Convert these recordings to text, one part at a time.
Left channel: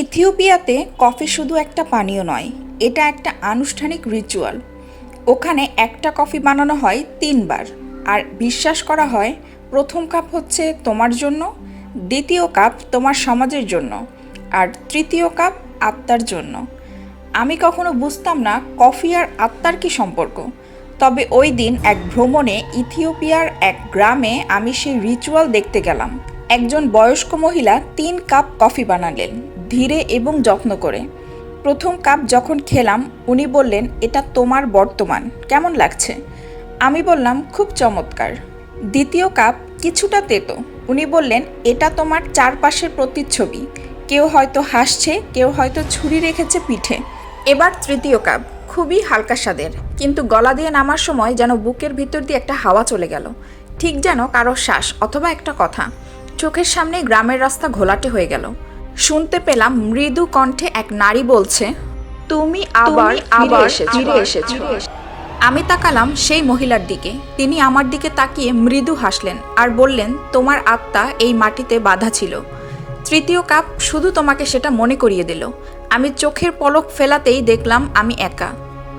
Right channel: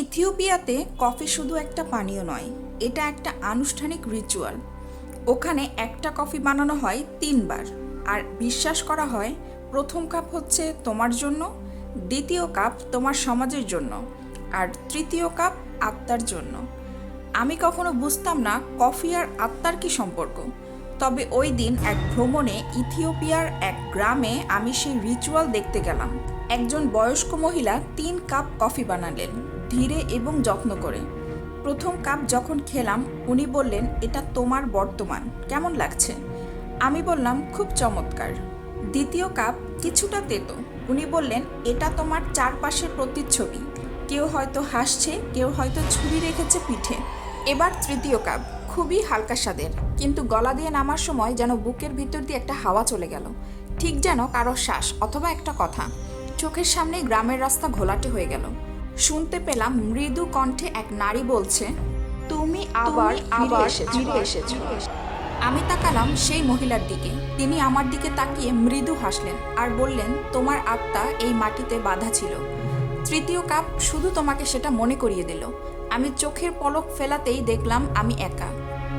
ইথিওপিয়াতে কফি শুধু একটা পানীয় নয়, এটা একটা আনুষ্ঠানিক রিচুয়াল ওখানে একটা কফি বানানো হয় তিনবার, আর বিশ্বাস করা হয় প্রথম কাপ হচ্ছে তোমার জন্য, দ্বিতীয় কাপ তোমার সমাজের জন্য, আর তৃতীয় কাপ আত্মার জন্য। আমি কখনো বুঝতাম না কফি আর আত্মার কি সম্পর্ক, তবে ওই দিন এক ভ্রমণে ইথিওপিয়ার এক গ্রামে আমি সেই রিচুয়াল দেখতে গেলাম। একজন বয়স্ক মহিলা তিন কাপ কফি বানালেন। ধীরে এবং যত্ন করে। প্রথম কাপ যখন খেলাম, উনি বললেন, এটা তোমার বর্তমান। কেমন লাগছে? আমি বললাম, খুব চমৎকার। দ্বিতীয় কাপ কিছুটা তেতো। উনি বললেন, এটা তোমার চারপাশের প্রতিচ্ছবি। কেউ হয়তো হাসছে, কেউ হয়তো ছুরি রেখেছে পিঠে। এবার তৃতীয় কাপ, খুবই হালকা স্বাদের। কিন্তু গলা দিয়ে নামার সময় যেন বুকের ভিতর দিয়ে একটা হাওয়া চলে গেল। ঠিক যেন কারও শ্বাস অথবা একটা কথা। চোখের সামনে গ্রামের রাস্তা ঘোলাটে হয়ে গেল। শুনতে পেলাম মৃদু কণ্ঠে এক নারী বলছে তুমি আবার আবার ফিরে এসেছ। আমি তাকালাম সেই মহিলার দিকে। তিনি আমার দিকে তাকিয়ে মৃদু হাসলেন আর বললেন তোমার আত্মা এই মাটিতে বাধা ছিল। তৃতীয় কাপ শুধু তোমাকে সেটা মনে করিয়ে দিল। আমি চোখের পলক ফেলাতেই দেখলাম আমি একা।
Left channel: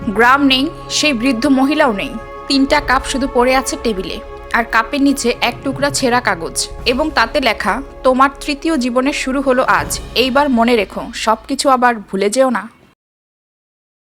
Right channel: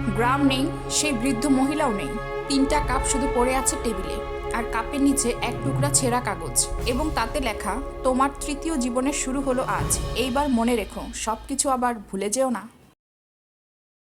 গ্রাম নেই সেই বৃদ্ধ মহিলাও নেই। তিনটা কাপ শুধু পড়ে আছে টেবিলে। আর কাপের নিচে এক টুকরা ছেঁড়া কাগজ এবং তাতে লেখা, তোমার তৃতীয় জীবনের শুরু হলো আজ। এইবার মনে রেখো সব কিছু আবার ভুলে যেও না।